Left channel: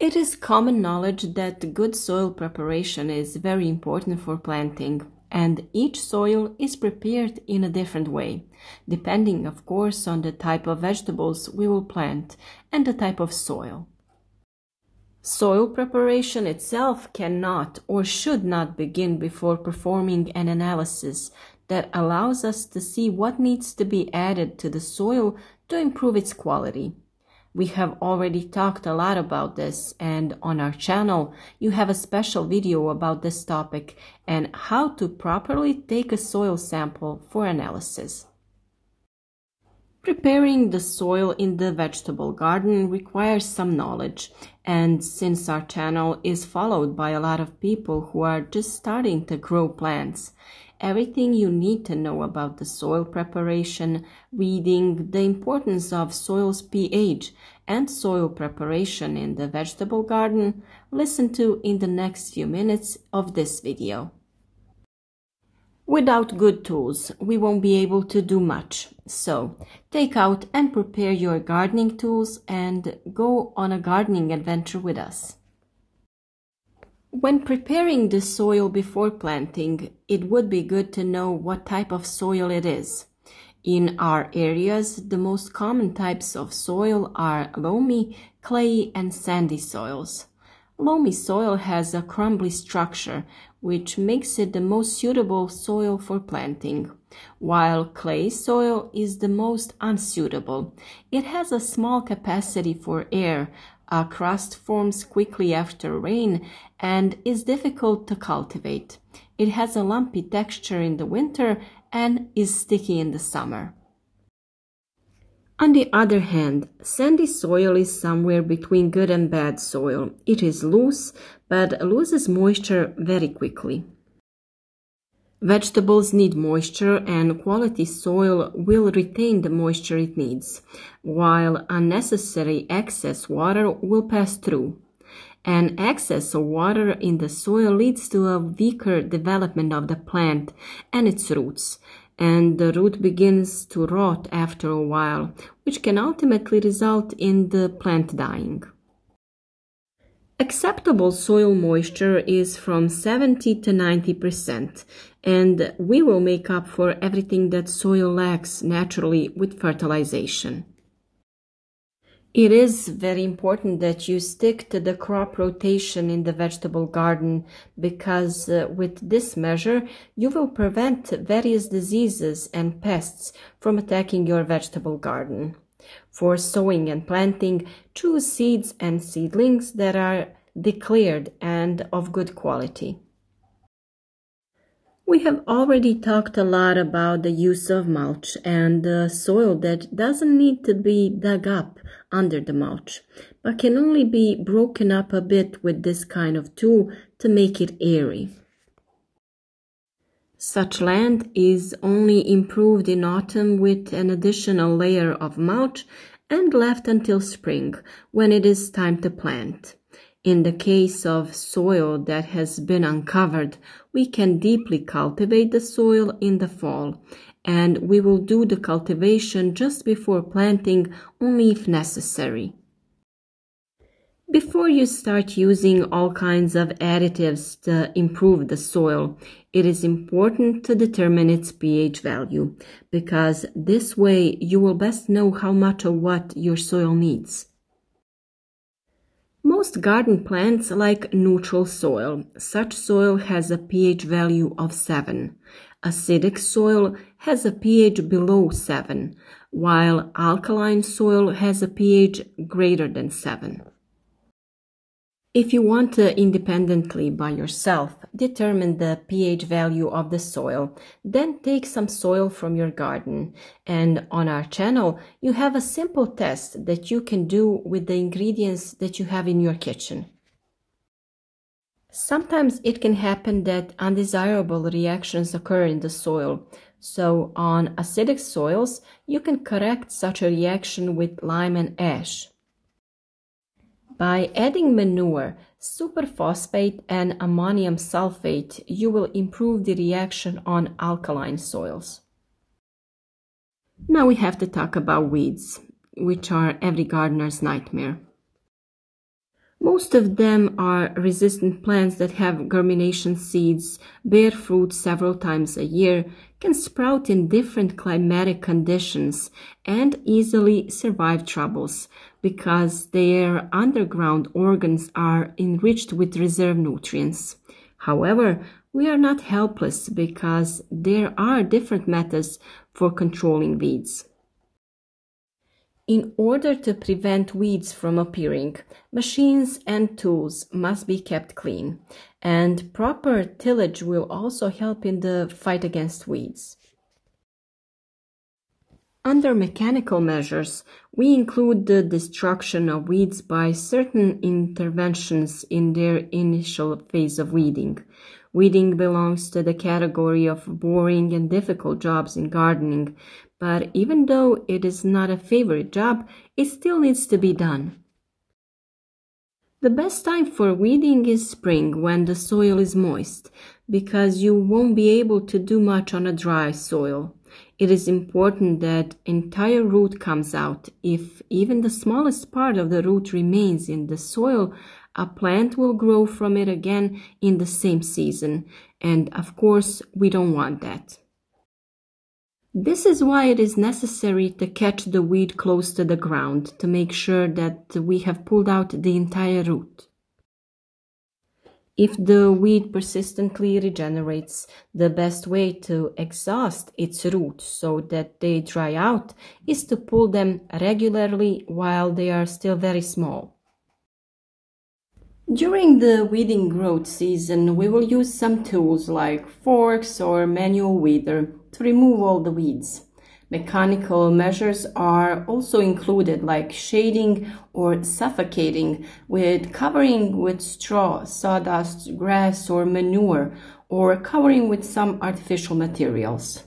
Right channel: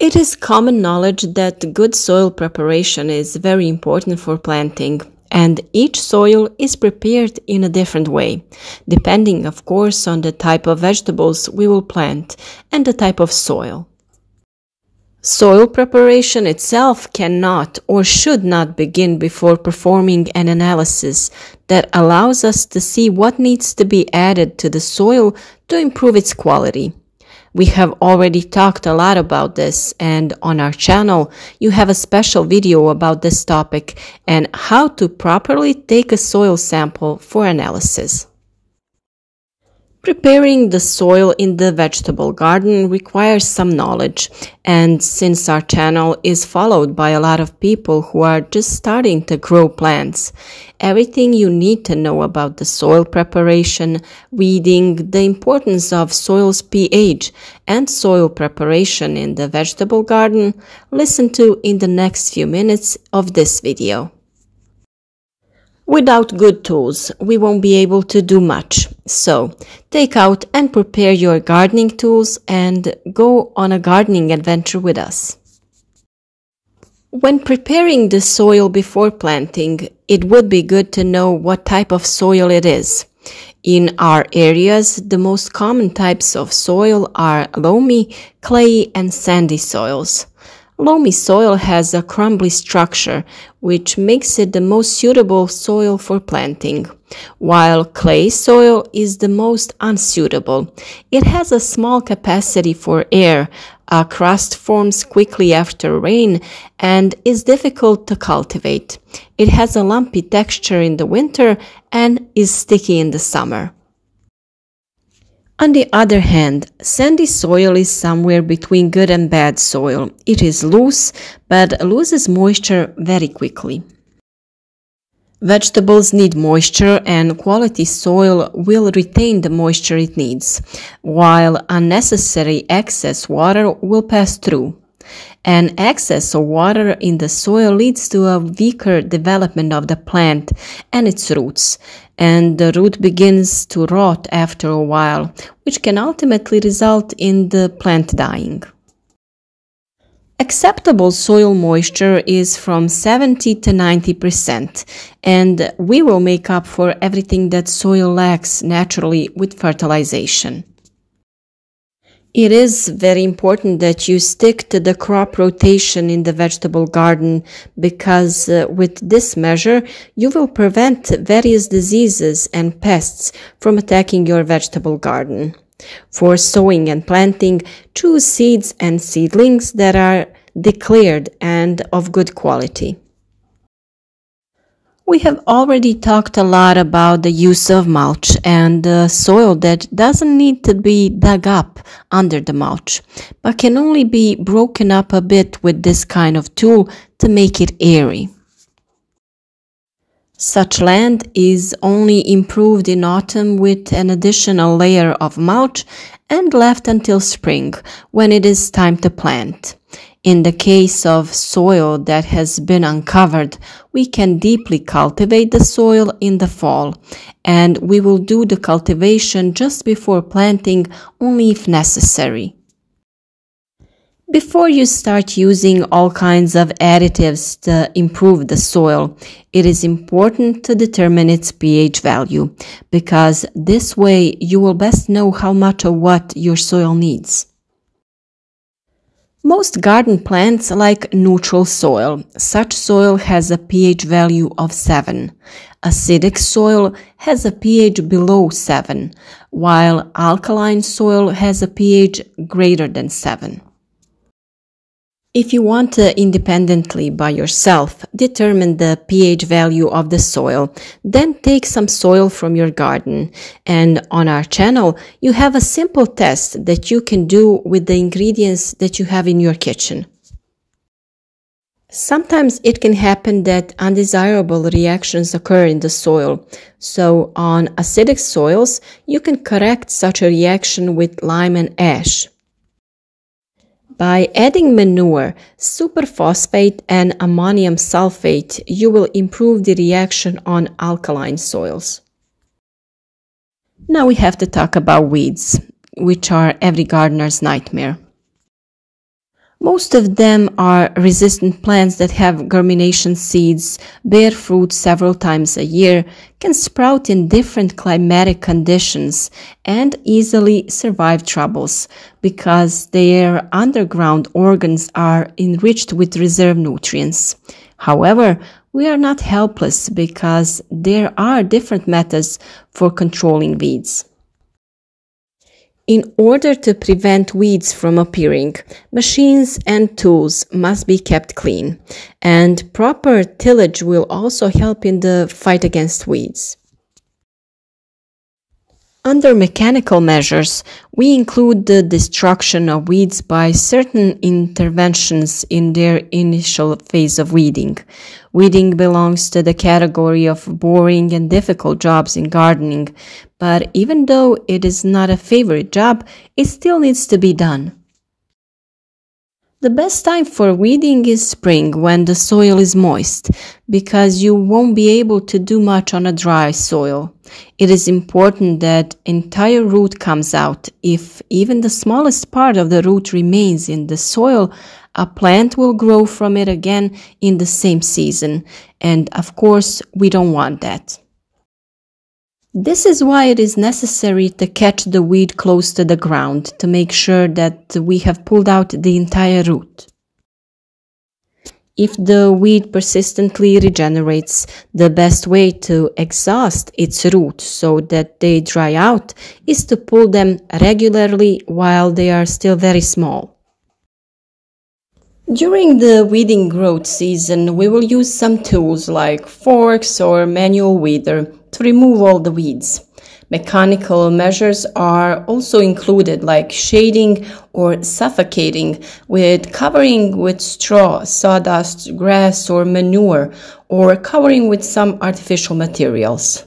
It is common knowledge that good soil preparation is very important for planting, and each soil is prepared in a different way, depending, of course, on the type of vegetables we will plant and the type of soil. Soil preparation itself cannot or should not begin before performing an analysis that allows us to see what needs to be added to the soil to improve its quality. We have already talked a lot about this, and on our channel you have a special video about this topic and how to properly take a soil sample for analysis. Preparing the soil in the vegetable garden requires some knowledge, and since our channel is followed by a lot of people who are just starting to grow plants, everything you need to know about the soil preparation, reading the importance of soil's pH, and soil preparation in the vegetable garden, listen to in the next few minutes of this video. Without good tools, we won't be able to do much. So, take out and prepare your gardening tools and go on a gardening adventure with us. When preparing the soil before planting, it would be good to know what type of soil it is. In our areas, the most common types of soil are loamy, clay, and sandy soils. Loamy soil has a crumbly structure, which makes it the most suitable soil for planting, while clay soil is the most unsuitable. It has a small capacity for air, a crust forms quickly after rain, and is difficult to cultivate. It has a lumpy texture in the winter and is sticky in the summer. On the other hand, sandy soil is somewhere between good and bad soil. It is loose, but loses moisture very quickly. Vegetables need moisture, and quality soil will retain the moisture it needs, while unnecessary excess water will pass through. An excess of water in the soil leads to a weaker development of the plant and its roots, and the root begins to rot after a while, which can ultimately result in the plant dying. Acceptable soil moisture is from 70 to 90%, and we will make up for everything that soil lacks naturally with fertilization. It is very important that you stick to the crop rotation in the vegetable garden because with this measure you will prevent various diseases and pests from attacking your vegetable garden. For sowing and planting, choose seeds and seedlings that are declared and of good quality. We have already talked a lot about the use of mulch and soil that doesn't need to be dug up under the mulch, but can only be broken up a bit with this kind of tool to make it airy. Such land is only improved in autumn with an additional layer of mulch and left until spring, when it is time to plant. In the case of soil that has been uncovered, we can deeply cultivate the soil in the fall, and we will do the cultivation just before planting only if necessary. Before you start using all kinds of additives to improve the soil, it is important to determine its pH value, because this way you will best know how much of what your soil needs. Most garden plants like neutral soil. Such soil has a pH value of 7. Acidic soil has a pH below 7, while alkaline soil has a pH greater than 7. If you want to independently by yourself determine the pH value of the soil, then take some soil from your garden, and on our channel you have a simple test that you can do with the ingredients that you have in your kitchen. Sometimes it can happen that undesirable reactions occur in the soil, so on acidic soils you can correct such a reaction with lime and ash. By adding manure, superphosphate, and ammonium sulfate, you will improve the reaction on alkaline soils. Now we have to talk about weeds, which are every gardener's nightmare. Most of them are resistant plants that have germination seeds, bear fruit several times a year, can sprout in different climatic conditions, and easily survive troubles because their underground organs are enriched with reserve nutrients. However, we are not helpless because there are different methods for controlling weeds. In order to prevent weeds from appearing, machines and tools must be kept clean, and proper tillage will also help in the fight against weeds. Under mechanical measures, we include the destruction of weeds by certain interventions in their initial phase of weeding. Weeding belongs to the category of boring and difficult jobs in gardening, but even though it is not a favorite job, it still needs to be done. The best time for weeding is spring when the soil is moist, because you won't be able to do much on a dry soil. It is important that entire root comes out. If even the smallest part of the root remains in the soil, a plant will grow from it again in the same season, and of course we don't want that. This is why it is necessary to catch the weed close to the ground to make sure that we have pulled out the entire root. If the weed persistently regenerates, the best way to exhaust its roots so that they dry out is to pull them regularly while they are still very small. During the weeding growth season, we will use some tools like forks or manual weeder to remove all the weeds. Mechanical measures are also included, like shading or suffocating with covering with straw, sawdust, grass, or manure, or covering with some artificial materials.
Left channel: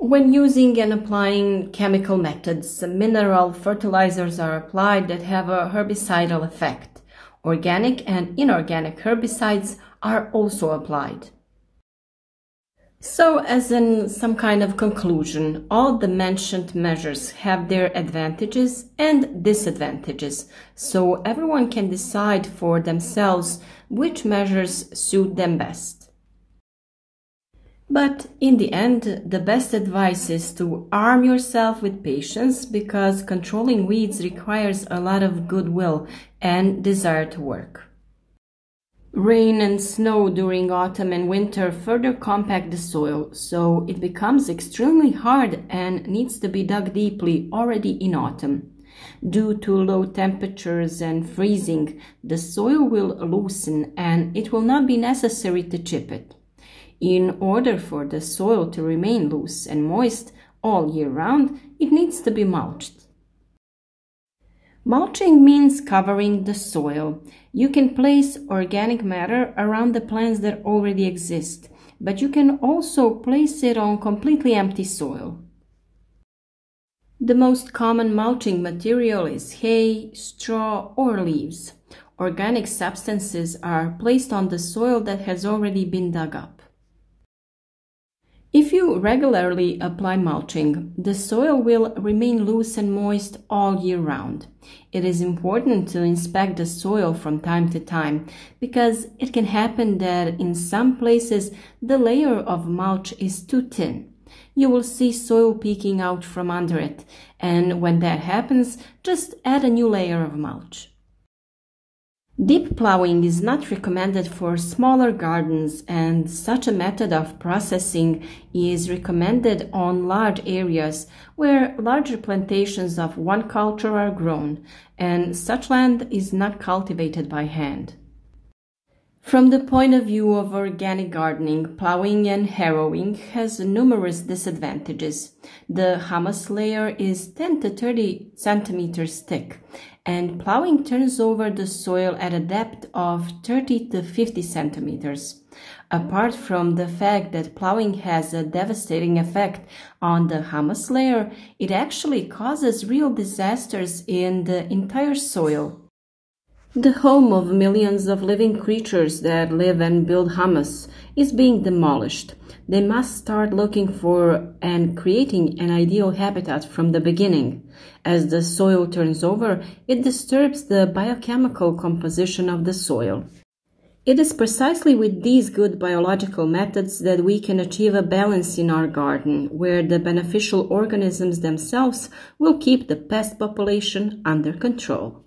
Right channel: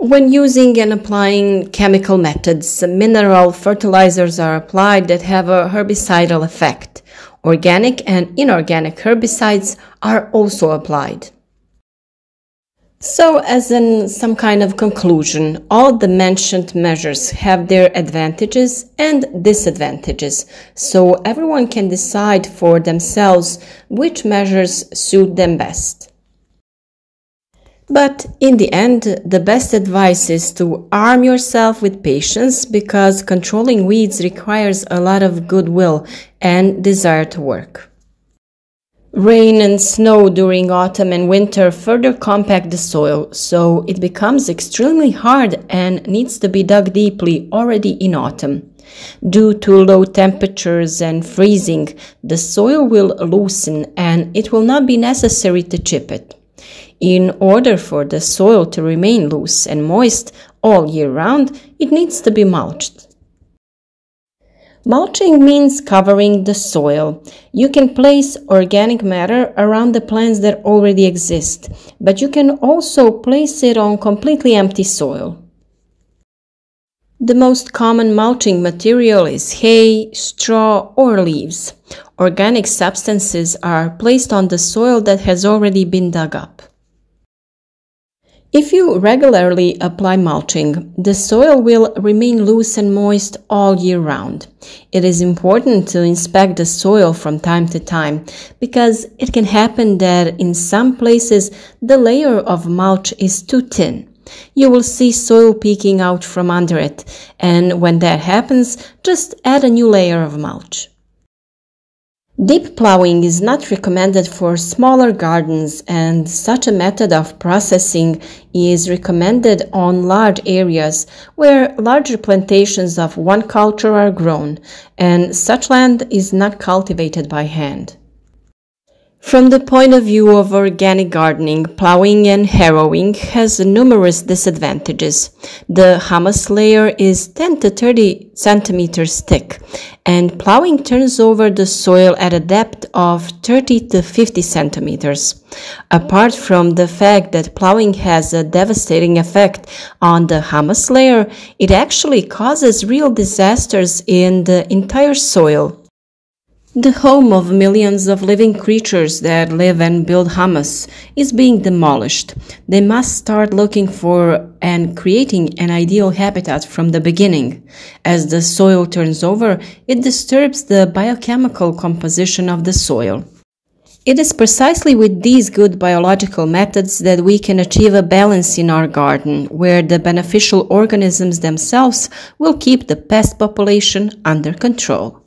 When using and applying chemical methods, mineral fertilizers are applied that have a herbicidal effect. Organic and inorganic herbicides are also applied. So, as in some kind of conclusion, all the mentioned measures have their advantages and disadvantages, so everyone can decide for themselves which measures suit them best. But in the end, the best advice is to arm yourself with patience because controlling weeds requires a lot of goodwill and desire to work. Rain and snow during autumn and winter further compact the soil, so it becomes extremely hard and needs to be dug deeply already in autumn. Due to low temperatures and freezing, the soil will loosen and it will not be necessary to chip it. In order for the soil to remain loose and moist all year round, it needs to be mulched. Mulching means covering the soil. You can place organic matter around the plants that already exist, but you can also place it on completely empty soil. The most common mulching material is hay, straw, or leaves. Organic substances are placed on the soil that has already been dug up. If you regularly apply mulching, the soil will remain loose and moist all year round. It is important to inspect the soil from time to time because it can happen that in some places the layer of mulch is too thin. You will see soil peeking out from under it, and when that happens, just add a new layer of mulch. Deep plowing is not recommended for smaller gardens, and such a method of processing is recommended on large areas where larger plantations of one culture are grown, and such land is not cultivated by hand. From the point of view of organic gardening, plowing and harrowing has numerous disadvantages. The humus layer is 10 to 30 centimeters thick, and plowing turns over the soil at a depth of 30 to 50 centimeters. Apart from the fact that plowing has a devastating effect on the humus layer, it actually causes real disasters in the entire soil. The home of millions of living creatures that live and build humus is being demolished. They must start looking for and creating an ideal habitat from the beginning. As the soil turns over, it disturbs the biochemical composition of the soil. It is precisely with these good biological methods that we can achieve a balance in our garden, where the beneficial organisms themselves will keep the pest population under control.